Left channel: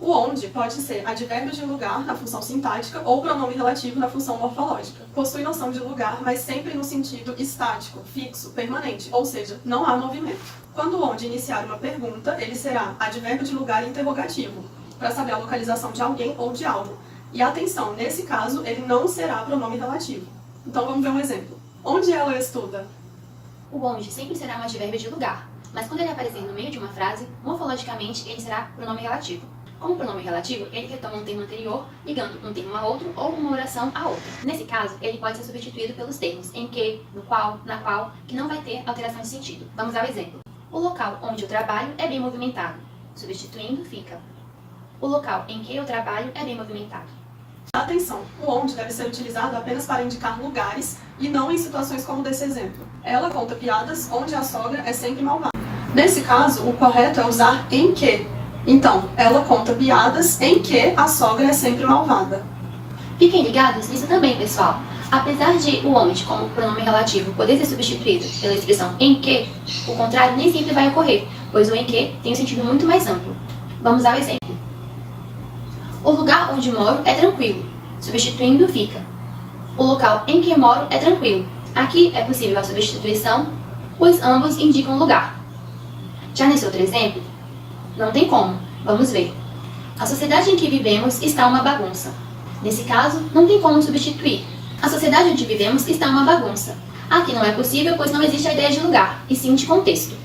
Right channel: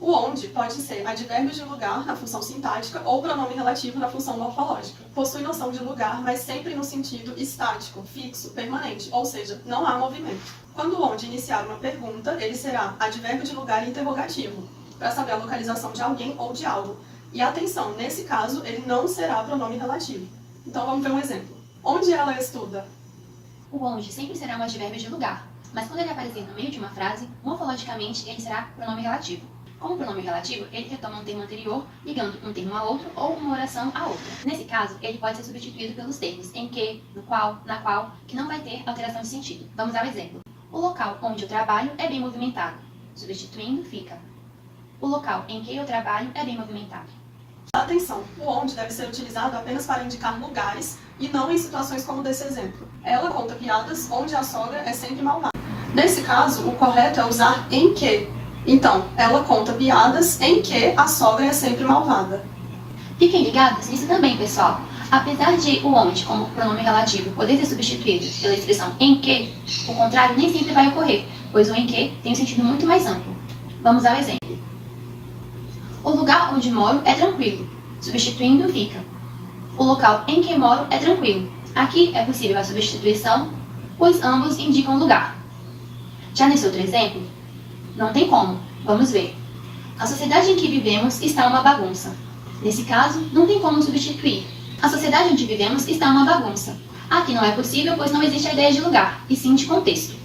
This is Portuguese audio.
O onde pode ser advérbio de lugar na função sintática ou pronome relativo na função morfológica. Possui noção de lugar, mas sempre no sentido estático, fixo, permanente, ou seja, não há movimento. Quando o onde iniciar uma pergunta, ele será advérbio de lugar interrogativo, para saber a localização de alguém ou de algo. E atenção, nesse caso, ele não será pronome relativo. Então vamos ver um exemplo. Onde ela estuda? O onde sempre será um advérbio de lugar, mas quando ele aparecer no meio de uma frase, morfologicamente ele será pronome relativo. Como pronome relativo, ele retoma um termo anterior, ligando um termo a outro ou uma oração a outra. Nesse caso, ele pode ser substituído pelos termos em que, no qual, na qual, que não vai ter alteração de sentido. Vamos ao exemplo. O local onde eu trabalho é bem movimentado. Substituindo, fica: o local em que eu trabalho é bem movimentado. Atenção, o onde deve ser utilizado apenas para indicar lugares e não em situações como desse exemplo. Ela conta piadas onde a sogra é sempre malvada. Nesse caso, o correto é usar em que. Então, ela conta piadas em que a sogra é sempre malvada. Fiquem ligados nisso também, pessoal. Apesar de o onde, como pronome relativo, poder ser substituído pela expressão em que, o contrário nem sempre vai ocorrer, pois o em que tem um sentido muito mais amplo. Vamos ao exemplo. O lugar onde moro é tranquilo. Substituindo, fica: o local em que moro é tranquilo. Aqui é possível a substituição, pois ambos indicam lugar. Já nesse outro exemplo, não tem como. Vamos ver. A sociedade em que vivemos está uma bagunça. Nesse caso, não tem como substituir. A sociedade onde vivemos está uma bagunça. Aqui não é possível, pois não existe a ideia de lugar, e sim de contexto.